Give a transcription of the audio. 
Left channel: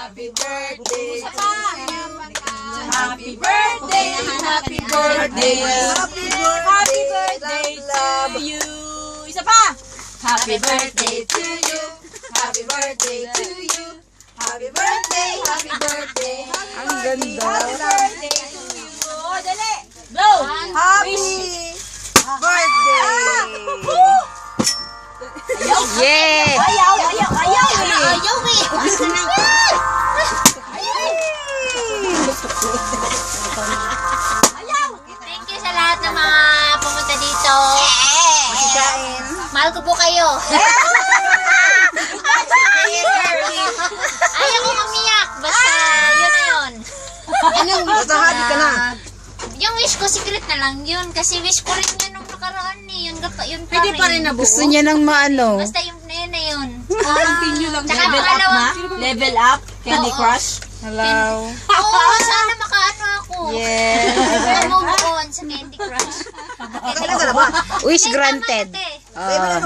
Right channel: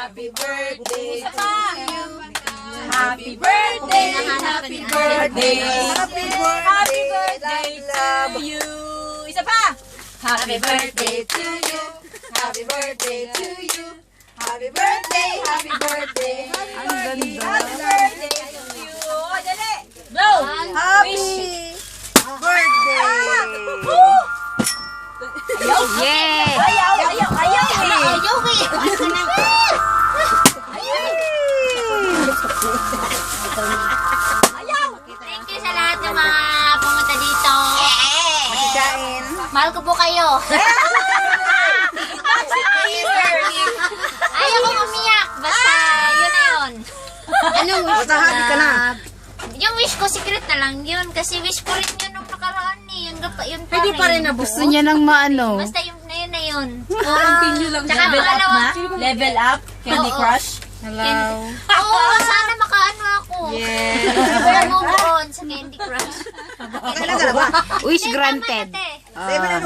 Happy birthday to you. Happy birthday, happy birthday, happy birthday to you. Isa pa. Happy birthday to you. Happy birthday to you. Happy birthday, happy birthday. Ang ganda. Happy birthday to you. Oh, dali. Go. Happy birthday! Yeah! Ayaw eh. Ayaw eh. Thank you sa lahat ng mga pumunta dito. Kain. Mahal ko po kayo. Ayaw ko umiyak. Basta yun na yun. Anong wish Basta happy ka na. Yung wish ko, secret na lang yun. Kasi wish ko rin yun nung nakaraan eh. Yun pa rin. Gusto niya ng maano. Basta yung na yun. Continue lang. Tsaka Level up pangalawa. na? Level up? Candy Oo. Crush? Hello. Oo, sana makaano ako. Yes. Wala move on sa Candy Crush. Wish Tama granted. na, te. Ah.